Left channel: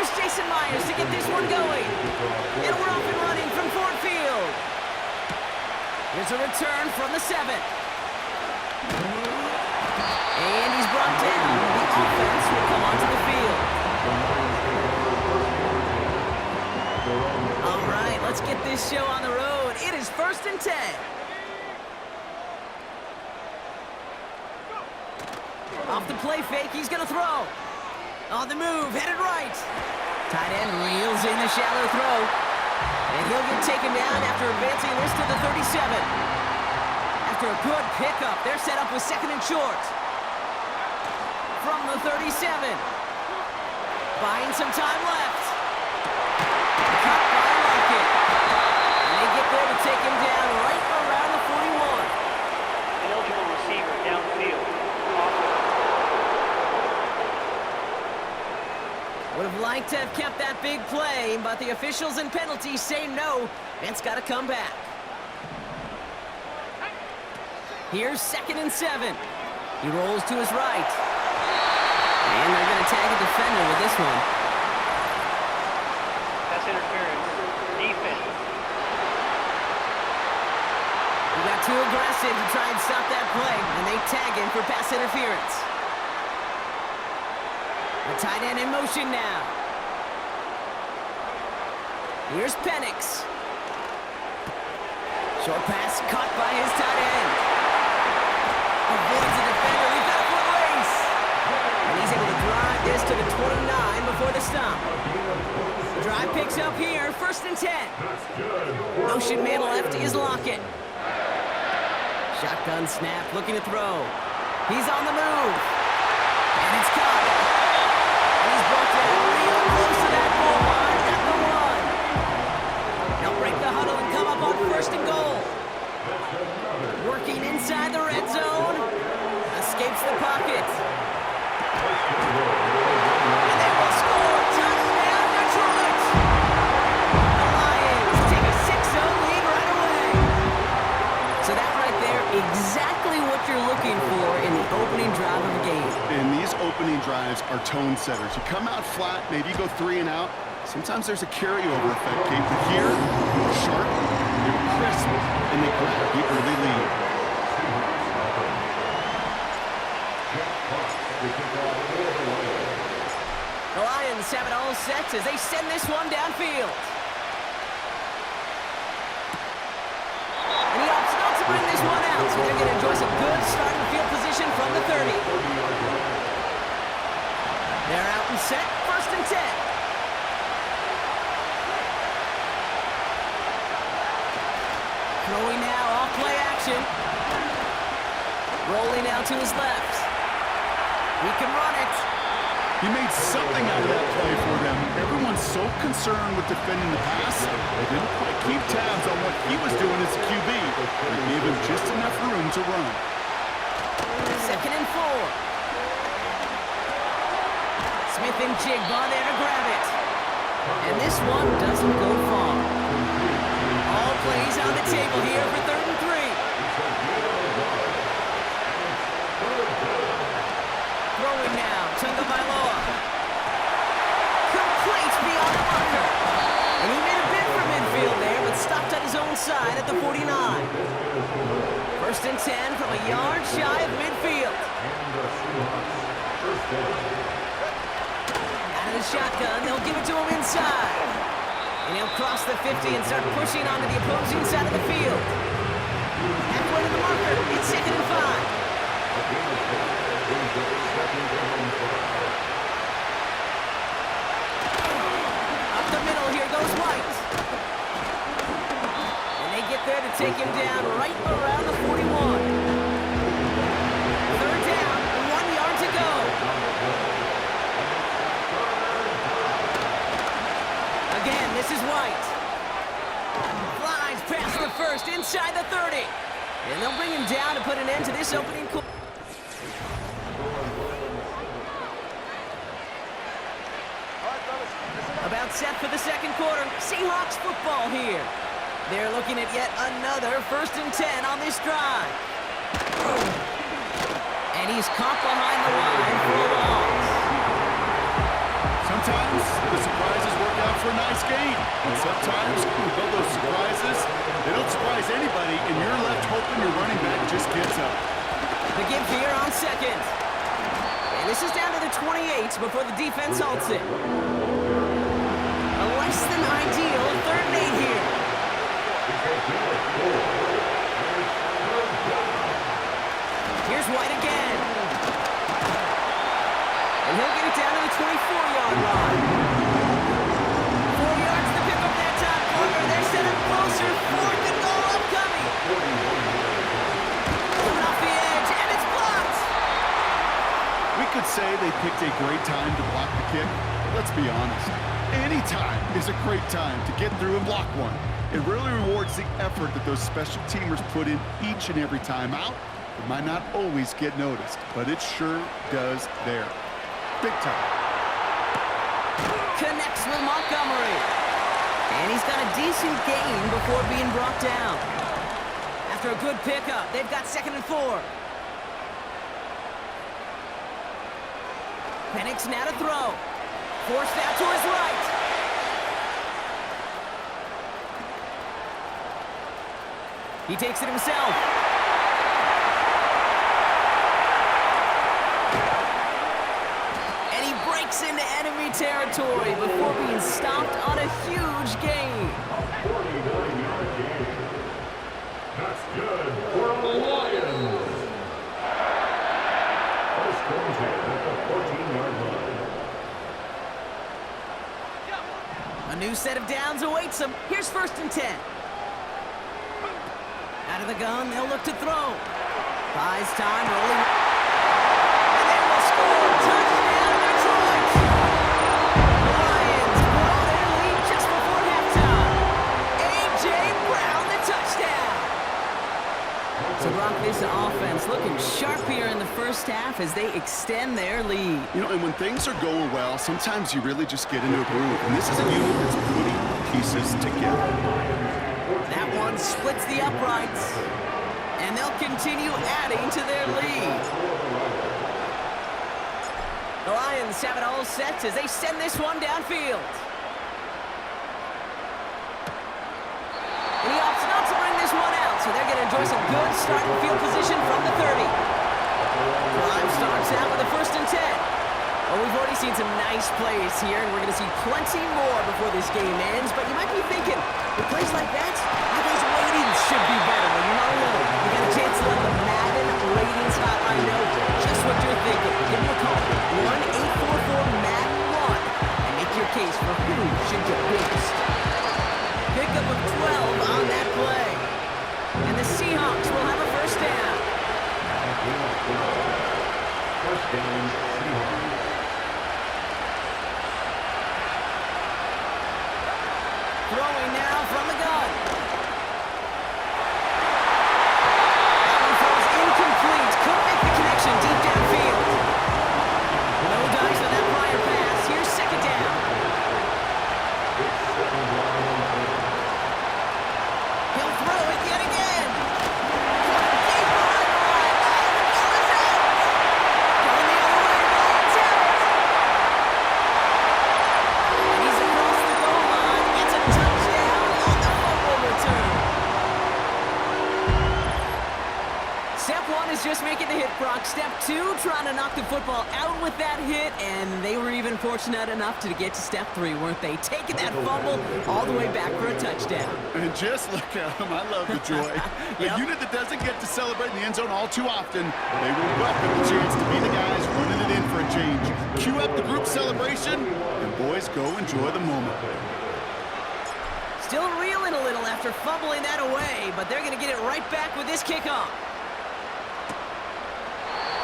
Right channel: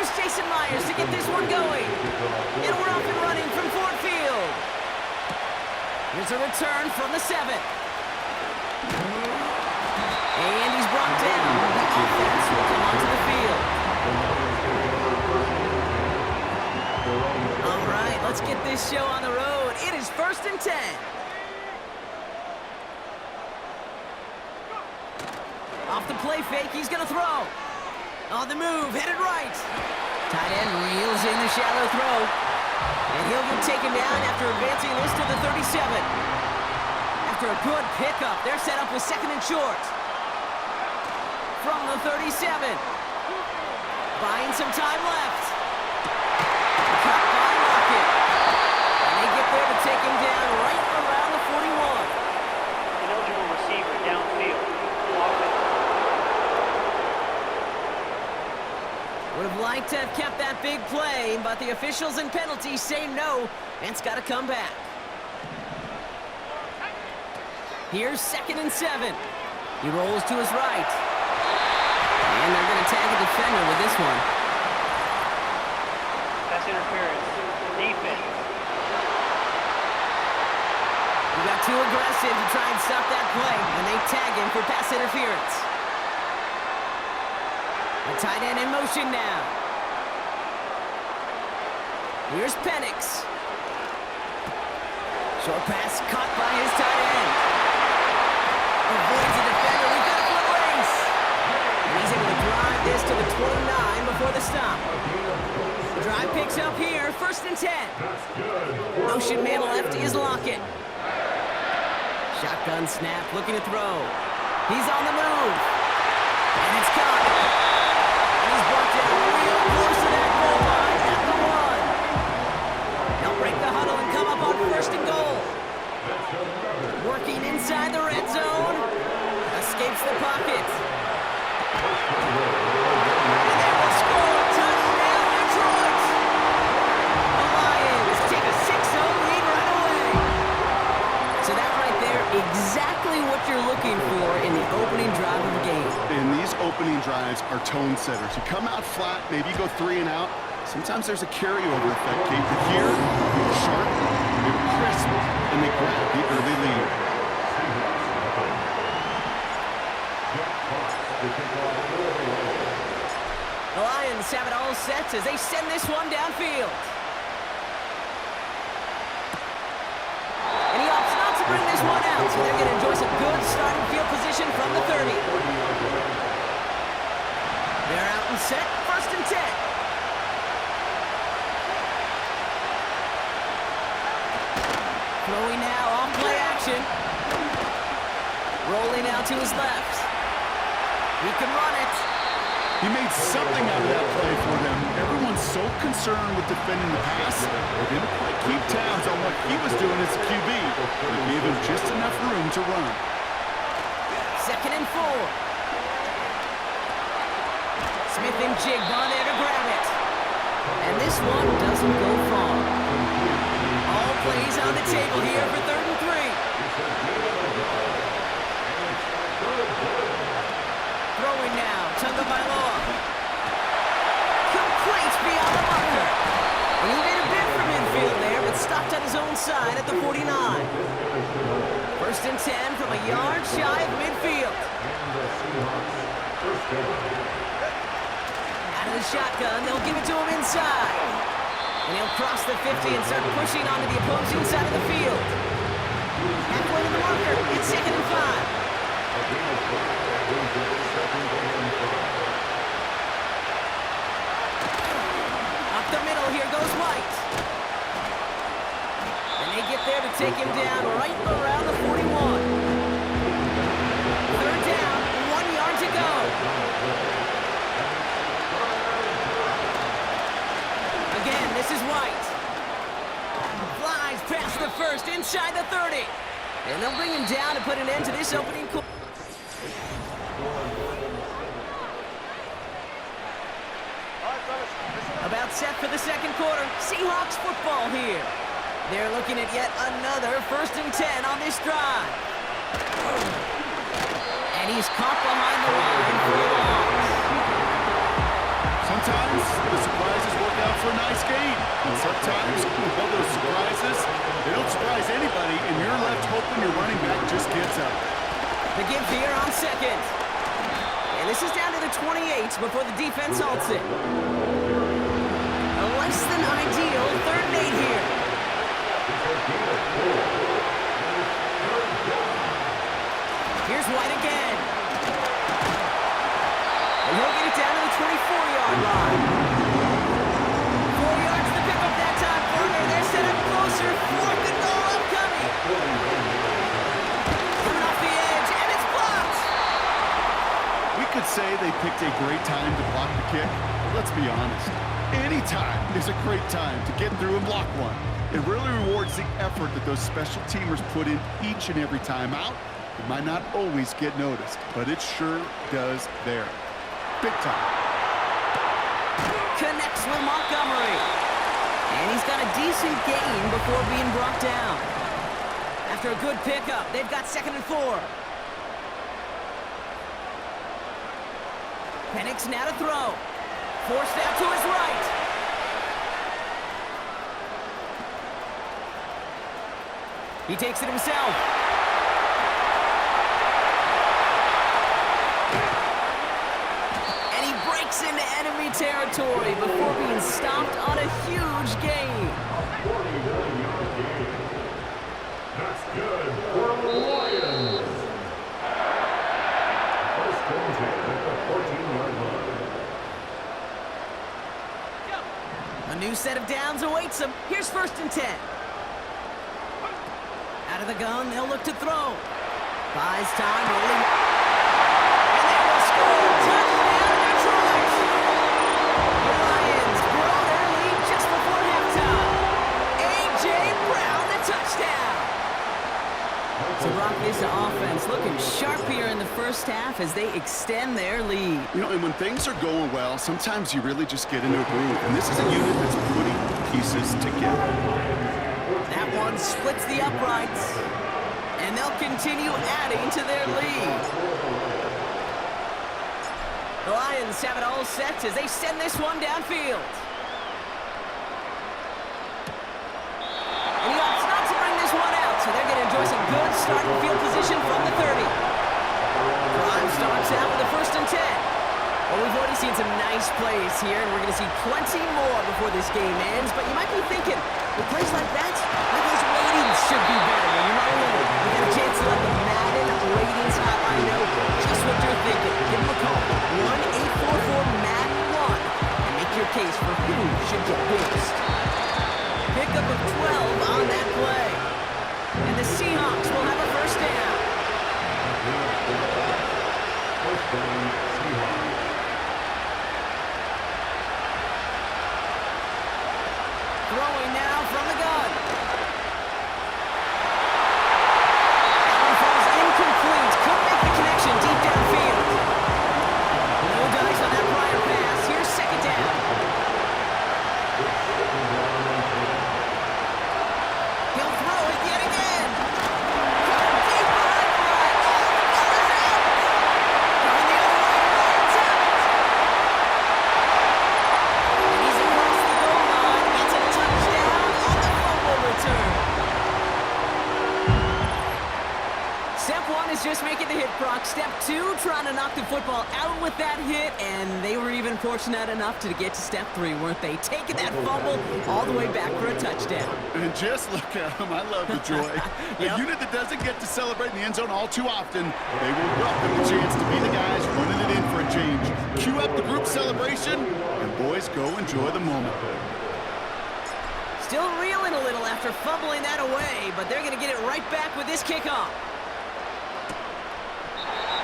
Here's Jason Myers to get this one going. And we're off and running from Ford Field. Here's a return from the 7. And he's brought down. The offense will come onto the field. All right, let's get this show on the road. It is 1st and 10. Off the play fake, he's going to throw. On the move, headed right. Tight end reels in the shallow throw. And he'll get taken down after advancing this to the 37. After a good pickup, they're set up with 2nd and short. From the 37. Buying some time left. Cut by Lockett. And they get there to take him down right around the 41. Ineligible receiver downfield. Offense. Would have liked to have kept that big play, but the officials and penalties say no, and it's got to come back. Here's 2nd and 7. He rolls to his right. And they're going to tag a defender with this one. Pass interference. Defense. He got too aggressive to try and stop that play, and they tag him for pass interference. The tight end in motion now. Here's Penix. Short pass caught by his tight end. Avoids the defender. We've got a foot race. And he's able to drive this to the 29 before the stop. The drive picks up here. 1st and 10. Motion man lefty is Lockett. Shotgun snap, looking to throw. He's on the move. And it's caught. And he's brought down real close to that goal line at the 1. They'll break the huddle and come up on 1st and goal. Working inside the red zone. Escapes the pocket. And they will score. Touchdown, Detroit! The Lions take a 6-0 lead right away. So that right there, exactly what you're looking for in the opening drive of the game. And these opening drives are tone setters. You come out flat, maybe you go 3 and out. Sometimes there's a carryover effect, Kate. But here, they were sharp, they were crisp, and they grabbed the early lead. The Lions have it all set as they send this one downfield. And he opts not to bring this one out, so they're going to enjoy some good starting field position from the 30. They're out and set, 1st and 10. Throwing now, off play action. Rolling out to his left. He can run it. He made something out of that play for them. Everyone's so concerned with defending the pass, they didn't quite keep tabs on what he was doing as a QB. They gave him just enough room to run. 2nd and 4. Smith and Jigba there to grab it. And this one doesn't go far. All plays on the table here for 3rd and 3. Throwing now, Tagovailoa. Complete beyond the marker. And he made a bid for midfield there, but stopped on his own side at the 49. 1st and 10 from a yard shy of midfield. Out of the shotgun, they'll give it to him inside. And he'll cross the 50 and start pushing onto the opposing side of the field. Halfway to the marker, it's 2nd and 5. Up the middle, here goes White. And they get there to take him down right around the 41. 3rd down, 1 yard to go. Again, this is White. Flies past the 1st, inside the 30. And they'll bring him down to put an end to this opening quarter. About set for the 2nd quarter. Seahawks football here. They're looking at yet another 1st and 10 on this drive. And he's caught behind the line for a loss. Sometimes the surprises work out for a nice game. And sometimes, well, those surprises, they don't surprise anybody, and you're left hoping your running back just gets up. The give here on second. And this is down to the 28 before the defense halts it. A less than ideal 3rd and 8 here. Here's White again. And he'll get it down to the 24-yard line. 4 yards to pick up that time, partner. They're set up closer. 4th and goal upcoming. Coming off the edge, and it's blocked. We could say they picked a great time to block the kick, but let's be honest. Any time is a great time to get through and block one. It really rewards the effort that those special teamers put in each and every time out. It might not always get noticed, but it sure does there. Big time. Connects with Montgomery. And he's got a decent gain before being brought down. After a good pickup, they've got 2nd and 4. Penix now to throw. Forced out to his right. He takes it himself. And he breaks into enemy territory before being stopped on a huge gain. 49-yard gain. That's good for the Lions. First and 10 at the 14-yard line. A new set of downs awaits them. Here's 1st and 10. Out of the gun, they'll look to throw. Buys time, rolling. And they will score. Touchdown, Detroit! The Lions grow their lead just before halftime. A.J. Brown, the touchdown. So Brock, this offense looking sharp here in the first half as they extend their lead. You know, and when things are going well, sometimes you really just get into a groove. And this is a unit that's putting pieces together. That one splits the uprights. And they'll continue adding to their lead. The Lions have it all set as they send this one downfield. And he opts not to bring this one out, so they're going to enjoy some good starting field position from the 30. Prime starts out with a 1st and 10. Well, we've already seen some nice plays here, and we're going to see plenty more before this game ends. But you might be thinking, with plays like that, my guys' ratings should be better. Well, you're not alone. You got a chance to let the Madden ratings hotline know just what you're thinking. Give them a call, 1-844-MADDEN-1, and make your case for who should get boost. Pickup of 12 on that play. And the Seahawks will have a 1st down. First down, Seahawks. Throwing now from the gun. That one falls incomplete. Couldn't make the connection deep downfield. No dice on that prior pass. Here's 2nd down. He'll throw it yet again. Got him deep behind the line. Oh, the ball is out. Going the other way. Lions have it. And he's across the goal line. Gets a touchdown on the fumble return. Step 1 is just making the hit, Brock. Step 2, trying to knock the football out with that hit, and they were even fortunate enough to get to step 3, weren't they? Taking that fumble all the way back for a touchdown. And just look at them. I love the joy. Yep. A unit that doesn't get to celebrate in the end zone all too often, they will welcome the chance to be the guys running it in for a change. Cue up the group celebration, and boys, go enjoy the moment. Still reeling a little after fumbling that away, but they're going to get it right back with this kickoff.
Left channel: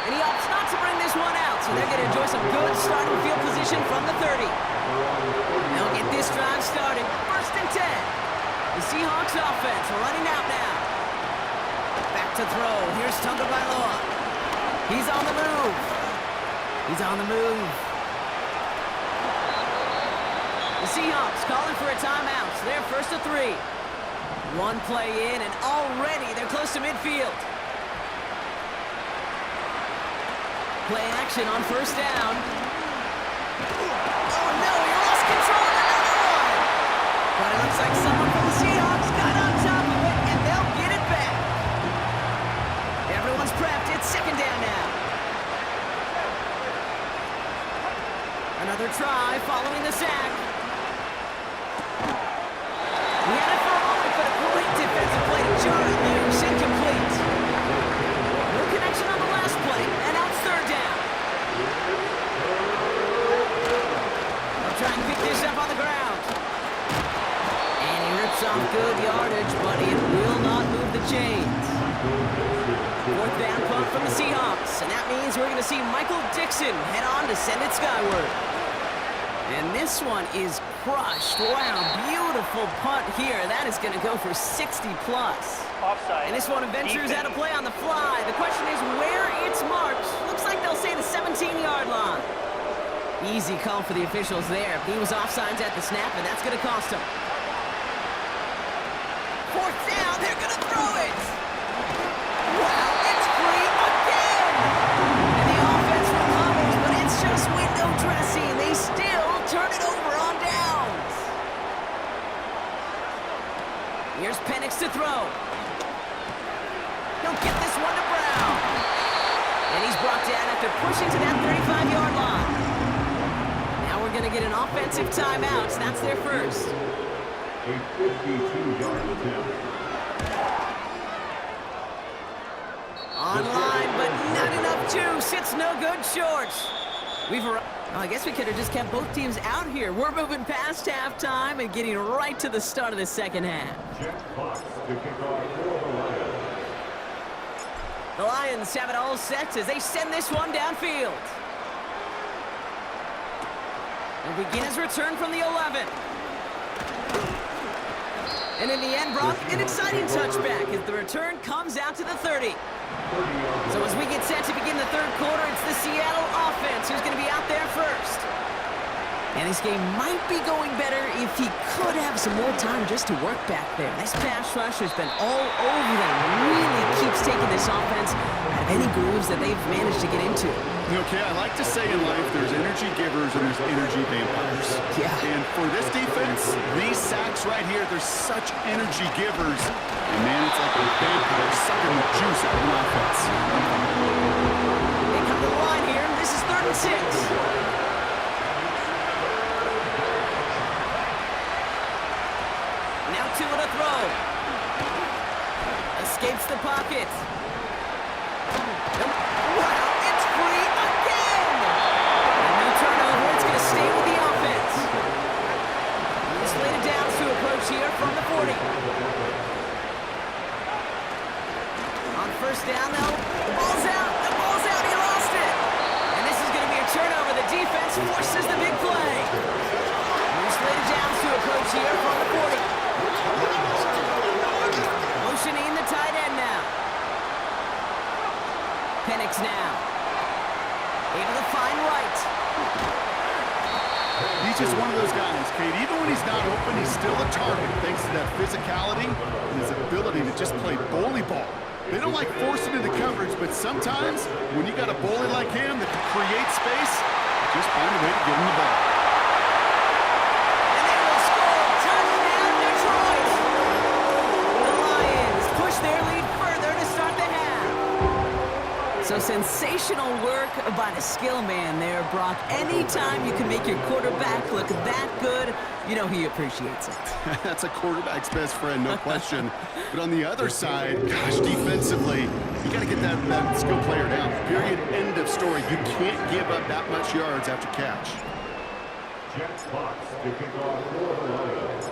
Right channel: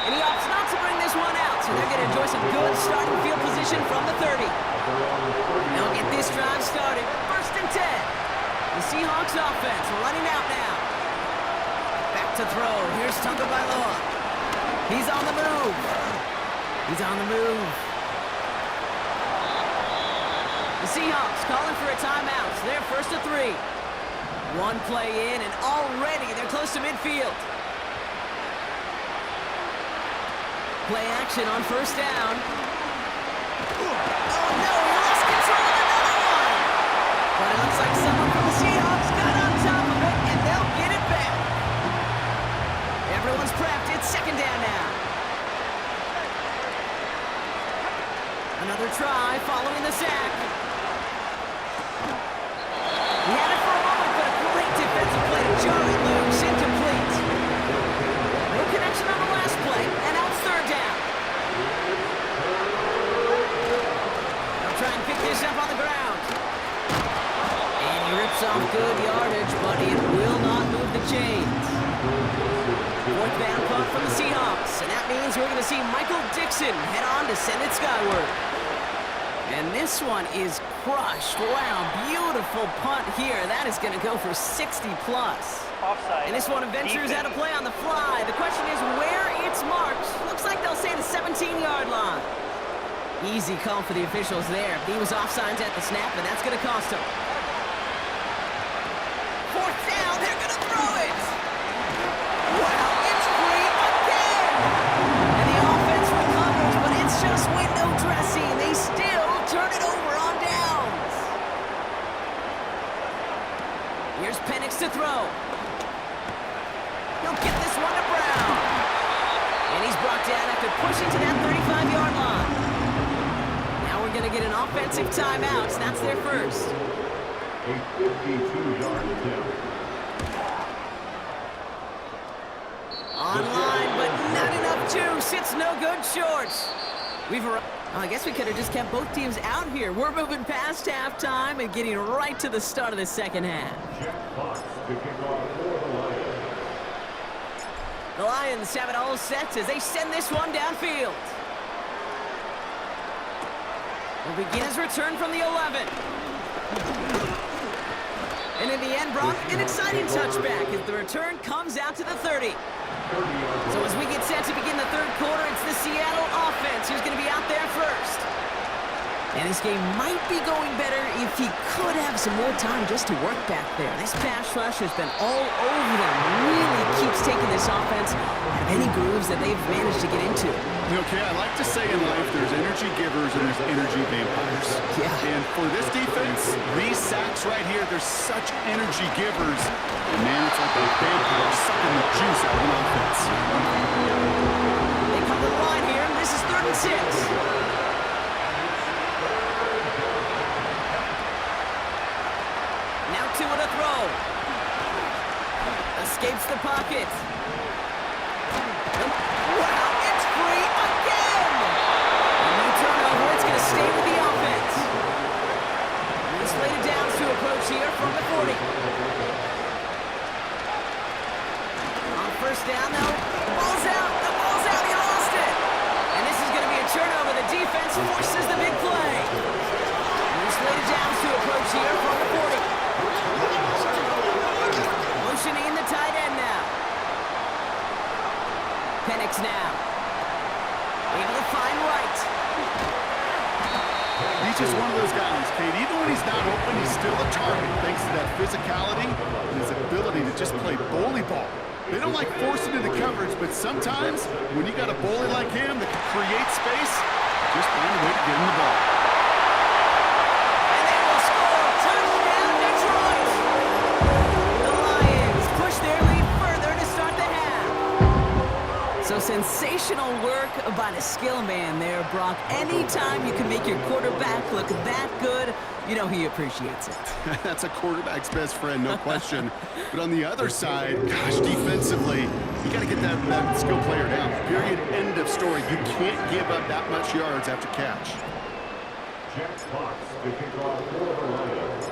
And he opts not to bring this one out, so they're going to enjoy some good starting field position from the 30. They'll get this drive started. 1st and 10. The Seahawks offense running out now. Back to throw. Here's Tagovailoa. He's on the move. He's on the move. The Seahawks calling for a timeout, so they're 1st and 3. One play in, and already they're close to midfield. Play action on 1st down. Oh, no! But it looks like someone from the Seahawks got on top of it, and they'll get it back. Everyone's prepped. It's second down now. Another try following the sack. He had it for a moment, but a great defensive play to jar it loose. Incomplete. No connection on the last play, and now it's third down. They'll try and pick this up on the ground. And he rips off good yardage, but it will not move the chains. Fourth down punt from the Seahawks, and that means we're going to see Michael Dixon head on to send it skyward. And this one is crushed. Wow, beautiful punt here. That is going to go for 60-plus. Offside. And this one ventures out of play on the fly. The question is where it's marked. Looks like they'll say the 17-yard line. Easy call for the officials there. He was offsides at the snap, and that's going to cost him. Fourth down, they're going to throw it. Wow, it's free again. And the offense recovers, but it's just window dressing. They still turn it over on downs. Here's Penix to throw. He'll get this one to Brown. And he's brought down after pushing to that 35-yard line. Now we're going to get an offensive timeout. That's their first. A 52-yard attempt. Online, but not enough juice. It's no good short. I guess we could have just kept both teams out here. We're moving past halftime and getting right to the start of the second half. Jack Fox to kick off for the Lions. The Lions have it all set as they send this one downfield. Will begin his return from the 11. And in the end, Brock, an exciting touchback as the return comes out to the 30. So as we get set to begin the third quarter, it's the Seattle offense who's going to be out there first. And this game might be going better if he could have some more time just to work back there. This pass rush has been all over them. Really keeps taking this offense out of any grooves that they've managed to get into. Okay, I like to say in life there's energy givers and there's energy vampires. Yeah. And for this defense, these sacks right here, they're such energy givers. And man, it's like a vampire sucking the juice out of an offense. They come to the line here. This is 3rd and 6. Now two on a throw. Escapes the pocket. Wow, it's free again! A new turnover, it's going to stay with the offense. He's slated downs to approach here from the 40. On first down, though, the ball's out, he lost it! And this is going to be a turnover. The defense forces the big play. He's slated downs to approach here from the 40. Motioning the tight end now. Penix now. Able to find Wright. He's just one of those guys, Kate. Even when he's not open, he's still a target thanks to that physicality and his ability to just play bully ball. They don't like forcing into coverage, but sometimes when you got a bully like him that can create space, just find a way to get him the ball. And they will score. Touchdown, Detroit! The Lions push their lead further to start the half. So sensational work by the skill man there, Brock. Anytime you can make your quarterback look that good, you know he appreciates it. That's a quarterback's best friend, no question. But on the other side, gosh, defensively, you got to get that skill player down. Period, end of story. You can't give up that much yards after catch. Jack Fox to kick off for the Lions.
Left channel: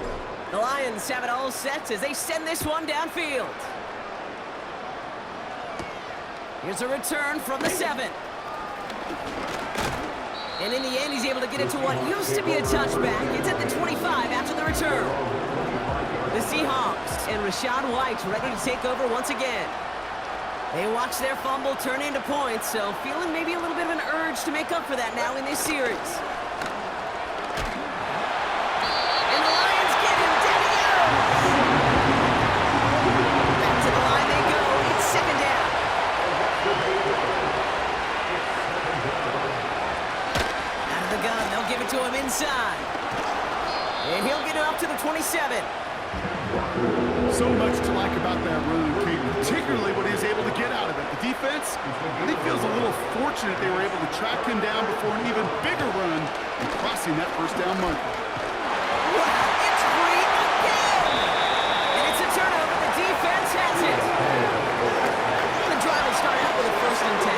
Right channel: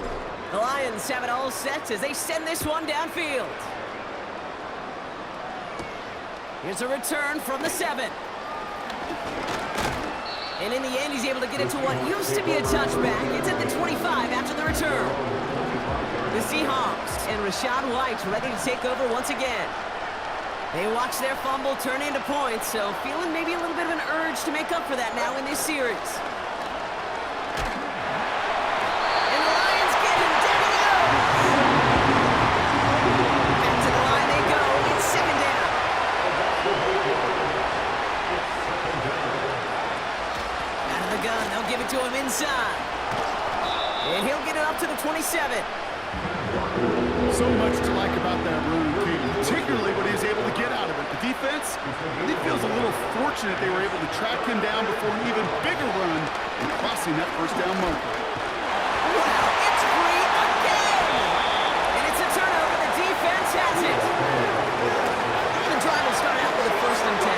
The Lions have it all set as they send this one downfield. Here's a return from the 7. And in the end, he's able to get it to what used to be a touchback. It's at the 25 after the return. The Seahawks and Rachaad White ready to take over once again. They watch their fumble turn into points, so feeling maybe a little bit of an urge to make up for that now in this series. And the Lions get him. Down he goes. Back to the line they go. It's second down. Out of the gun, they'll give it to him inside. And he'll get it up to the 27. So much to like about that run, Kate, particularly what he was able to get out of it. The defense, I think, feels a little fortunate they were able to track him down before an even bigger run and crossing that first down marker. Wow, it's free again! And it's a turnover. The defense has it. The drive will start out with a 1st and 10.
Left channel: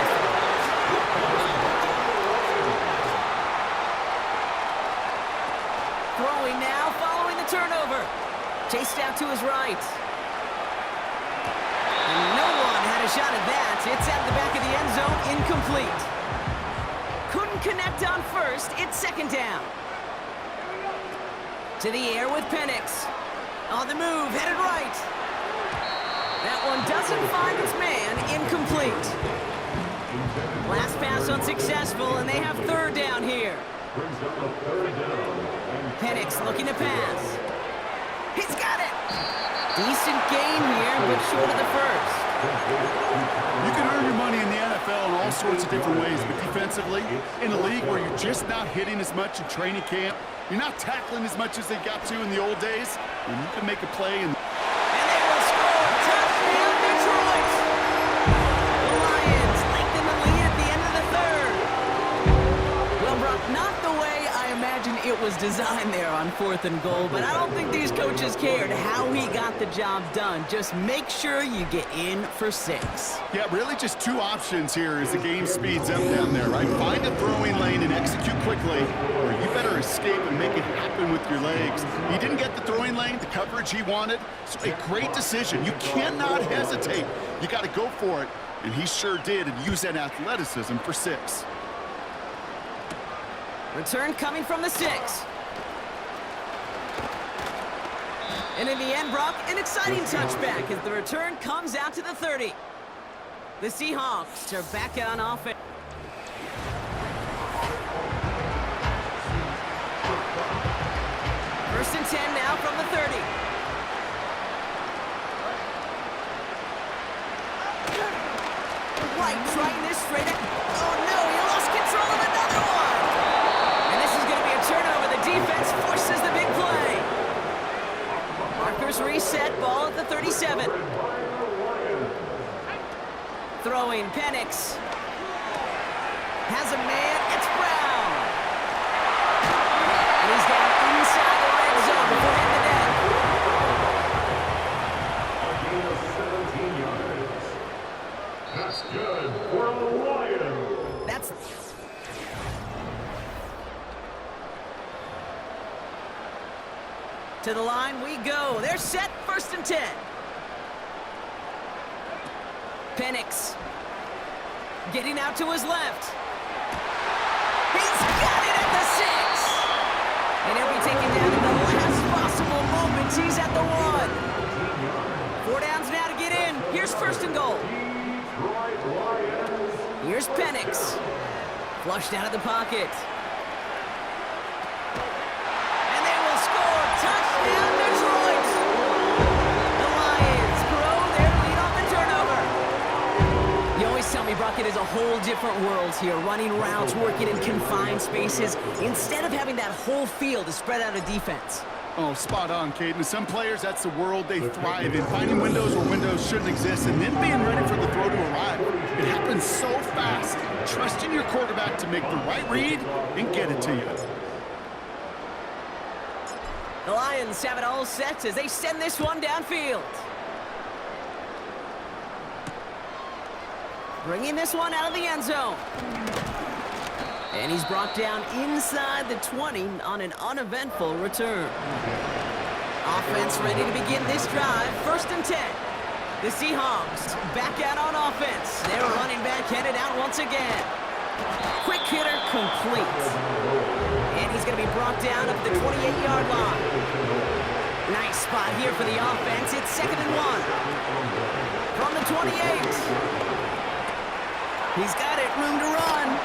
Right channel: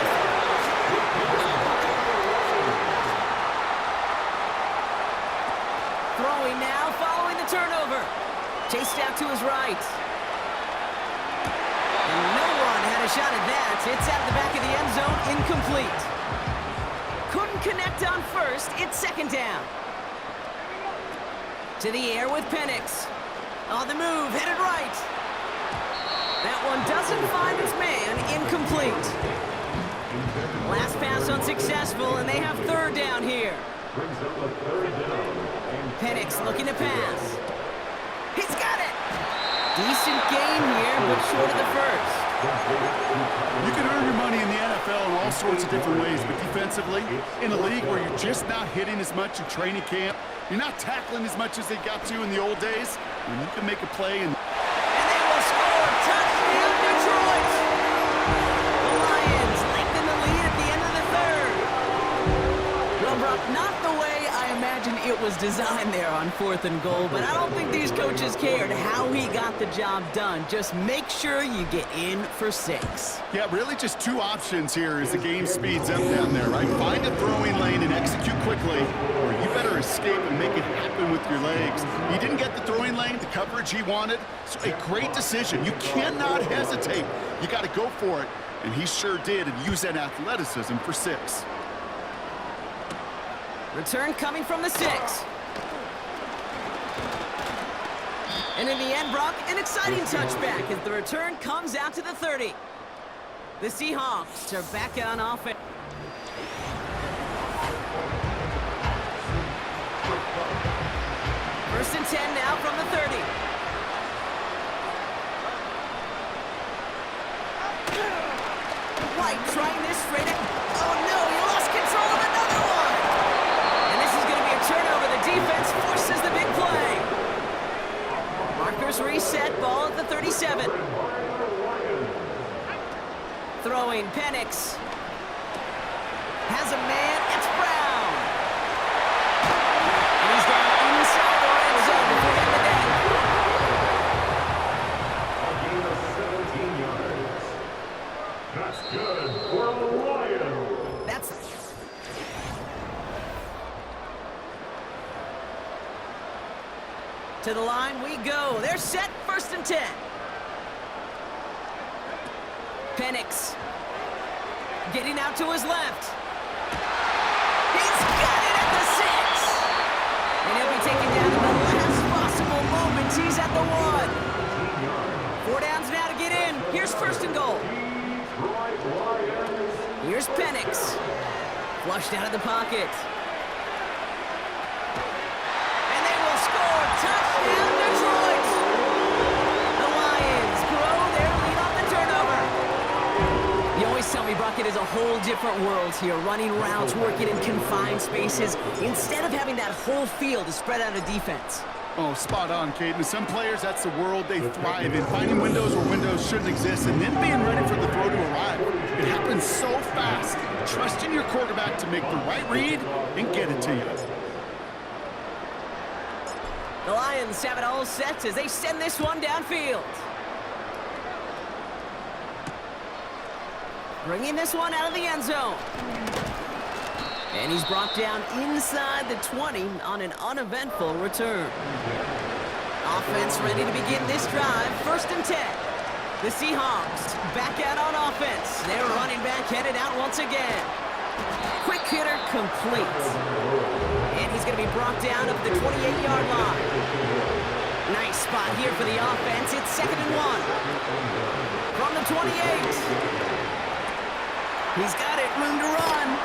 Throwing now, following the turnover. Chased out to his right. And no one had a shot at that. It's out of the back of the end zone, incomplete. Couldn't connect on 1st. It's 2nd down. To the air with Penix. On the move, headed right. That one doesn't find its man, incomplete. Last pass unsuccessful, and they have 3rd down here. Brings up a 3rd down. Penix looking to pass. He's got it! Decent gain here, but short of the 1st. You can earn your money in the NFL in all sorts of different ways, but defensively, in a league where you're just not hitting as much in training camp, you're not tackling as much as they got to in the old days, when you can make a play and they will score! Touchdown, Detroit! The Lions lengthen the lead at the end of the 3rd. Well, Brock, not the way I imagine it was designed there on 4th and goal, but I don't think these coaches cared how he got the job done. Just make sure you get in for 6. yeah, really just 2 options here as the game speeds up down there, right? Find a throwing lane and execute quickly, or you better escape and make it happen with your legs. He didn't get the throwing lane, the coverage he wanted, so a great decision. You cannot hesitate. You got to go for it, and he sure did, and use that athleticism for 6. Return coming from the 6. And in the end, Brock, an exciting touchback as the return comes out to the 30. The Seahawks are back on offense. First and 10 now from the 30. White trying this straight up. Oh no, he lost control of another one. And this is going to be a turnover. The defense forces the big play. Markers reset, ball at the 37. Throwing, Penix. Has a man, it's Brown. And he's down inside the red zone before hitting the deck. A gain of 17 yards. That's good for the Lions. That's... To the line we go. They're set, 1st and 10. Penix. Getting out to his left. He's got it at the 6. And he'll be taken down in the last possible moments. He's at the 1. 4 downs now to get in. Here's 1st and goal. Here's Penix. Flushed out of the pocket. And they will score. Touchdown, Detroit. The Lions grow their lead off the turnover. You always tell me, Brock, it is a whole different world here. Running routes, working in confined spaces, instead of having that whole field to spread out a defense. Oh, spot on, Caden. Some players, that's the world they thrive in. Finding windows where windows shouldn't exist and then being ready for the throw to arrive. It happens so fast. Trusting your quarterback to make the right read and get it to you. The Lions have it all set as they send this one downfield. Bringing this one out of the end zone. And he's brought down inside the 20 on an uneventful return. Offense ready to begin this drive. 1st and 10. The Seahawks back out on offense. Their running back headed out once again. Quick hitter complete. And he's going to be brought down up the 28-yard line. Nice spot here for the offense. It's 2nd and 1. From the 28. He's got it, room to run.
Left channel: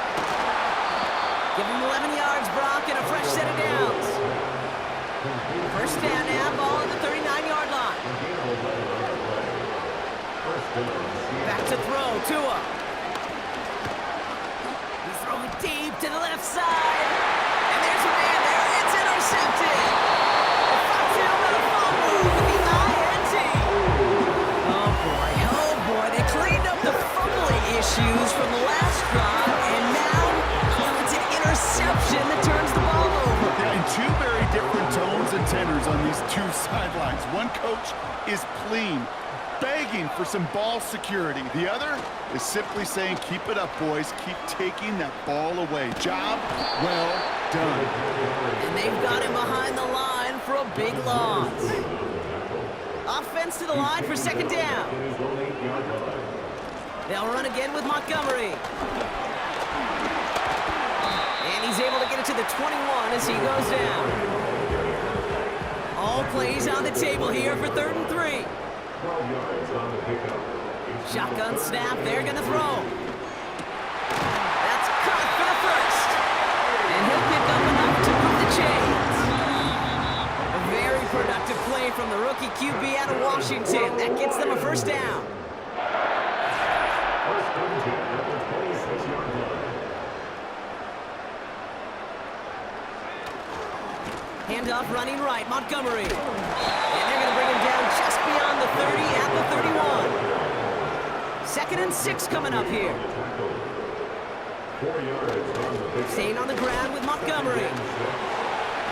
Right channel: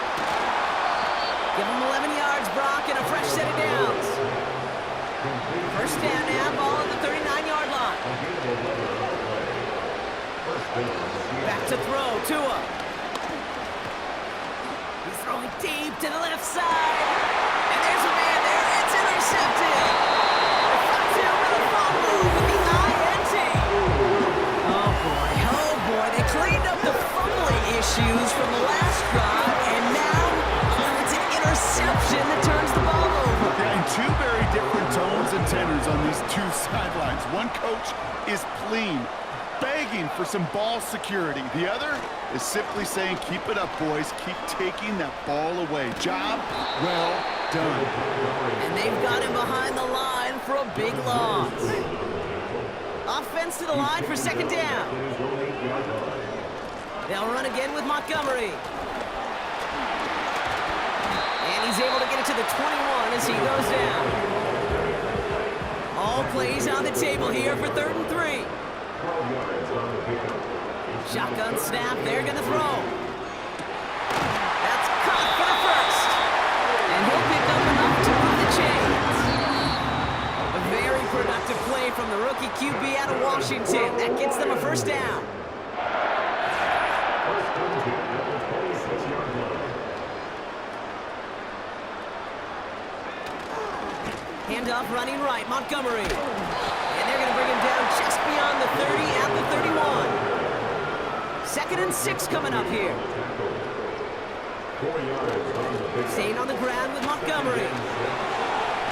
Give him 11 yards, Brock, and a fresh set of downs. 1st down now, ball at the 39-yard line. Back to throw, Tua. He's throwing deep to the left side. And there's a man there, it's intercepted. from the last drive, and now it's an interception that turns the ball over. Yeah, and two very different tones and tenors on these two sidelines. One coach is pleading, begging for some ball security. The other is simply saying, keep it up, boys. Keep taking that ball away. Job well done. And they've got him behind the line for a big loss. Offense to the line for second down. They'll run again with Montgomery. And he's able to get it to the 21 as he goes down. All plays on the table here for 3rd and 3. Shotgun snap, they're gonna throw. That's caught for the first. And he'll pick up enough to move the chains. A very productive play from the rookie QB out of Washington. That gets them a first down. Handoff running right, Montgomery. And they're gonna bring him down just beyond the 30 at the 31. 2nd and 6 coming up here. Staying on the ground with Montgomery.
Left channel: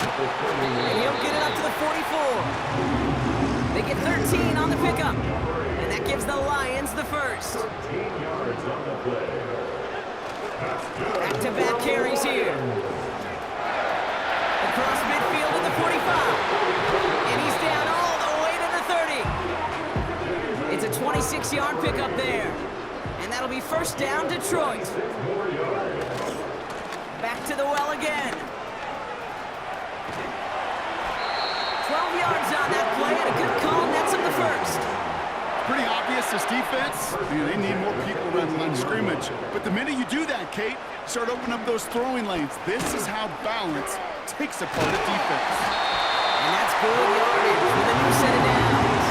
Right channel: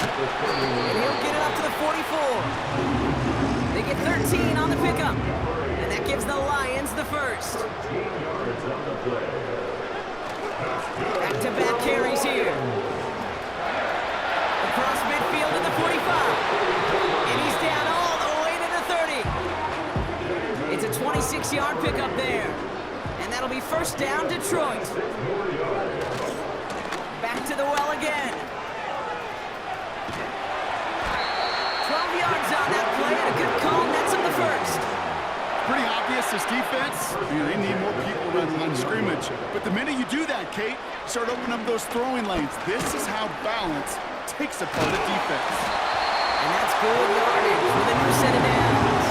And he'll get it up to the 44. They get 13 on the pickup. And that gives the Lions the first. Back-to-back carries here. Across midfield to the 45. And he's down all the way to the 30. It's a 26-yard pickup there. And that'll be first down, Detroit. Back to the well again. 12 yards on that play, and a good call nets him the first. Pretty obvious, this defense, they need more people around the line of scrimmage. But the minute you do that, Kate, start opening up those throwing lanes. This is how balance takes apart a defense. And that's good yardage with a new set of downs.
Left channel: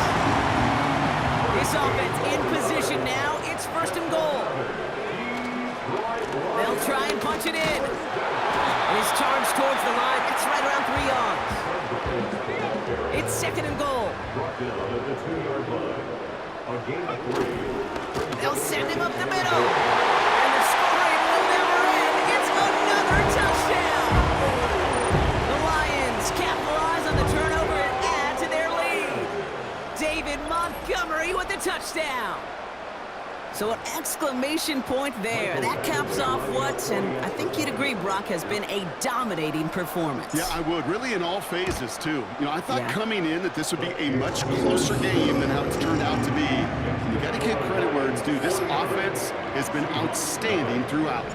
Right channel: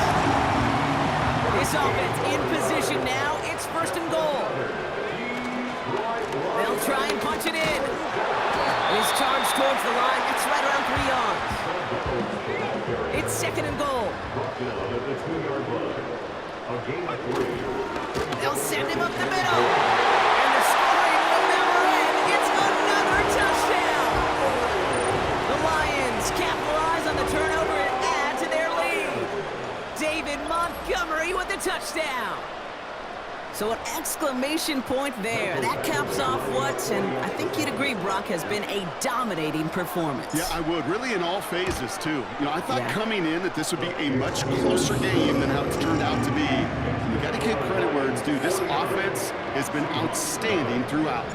This offense in position now. It's 1st and goal. They'll try and punch it in. And he's charged towards the line. That's right around 3 yards. It's 2nd and goal. They'll send him up the middle. And the scoring will never end. It's another touchdown. The Lions capitalize on the turnover and add to their lead. David Montgomery with the touchdown. So an exclamation point there. That caps off what, and I think you'd agree, Brock, has been a dominating performance. Yeah, I would. Really in all phases, too. You know, I thought coming in that this would be a much closer game than how it's turned out to be. And you got to give credit where it's due. This offense has been outstanding throughout.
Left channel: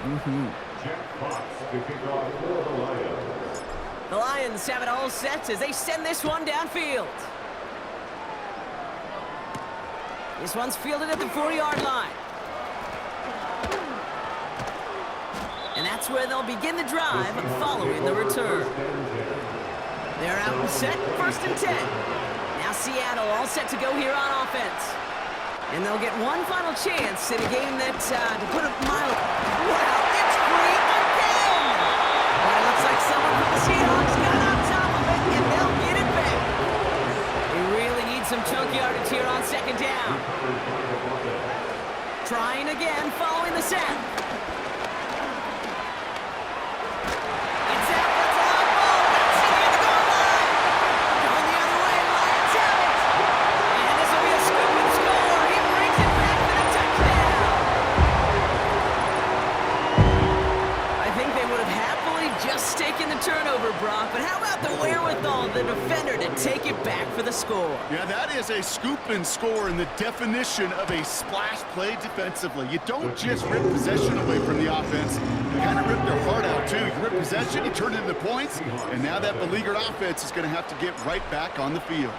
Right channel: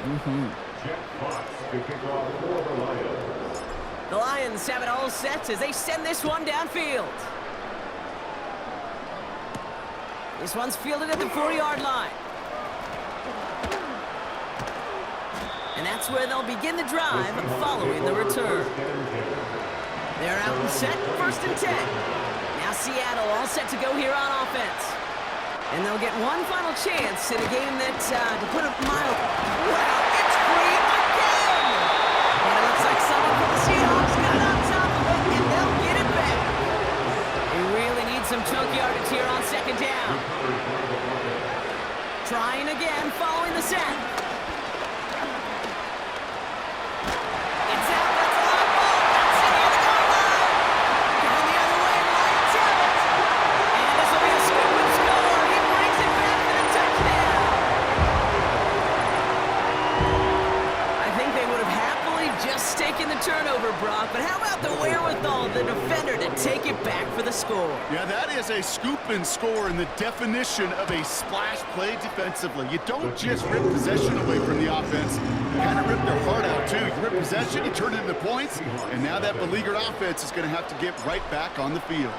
The Lions have it all set as they send this one downfield. This one's fielded at the 4-yard line. And that's where they'll begin the drive following the return. They're out and set, 1st and 10. Now Seattle all set to go here on offense. And they'll get one final chance in a game that, to put it mild, wow, it's free again! But it looks like someone from the Seahawks got on top of it, and they'll get it back. They really need some chunk yardage here on 2nd down. Trying again following the set. It's out, that's a live ball. That's in near the goal line. Going the other way, Lions have it. And this will be a scoop and score. He brings it back for the touchdown. I think they would have happily just taken the turnover, Brock, but how about the wherewithal of the defender to take it back for the score? Yeah, that is a scoop and score in the definition of a splash play defensively. You don't just rip possession away from the offense. You kind of rip their heart out, too. You rip possession, you turn it into points, and now that beleaguered offense is going to have to get right back on the field.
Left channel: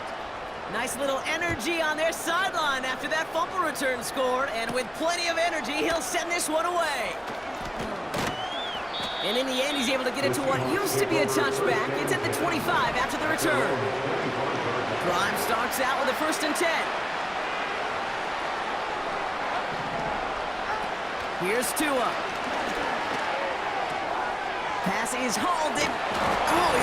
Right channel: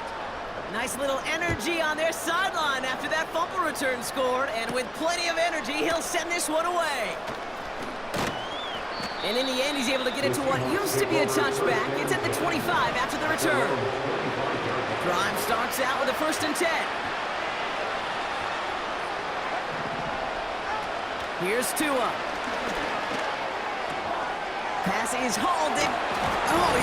Nice little energy on their sideline after that fumble return scored, and with plenty of energy, he'll send this one away. And in the end, he's able to get it to what used to be a touchback. It's at the 25 after the return. Drive starts out with a 1st and 10. Here's Tua. Pass is hauled in. Oh,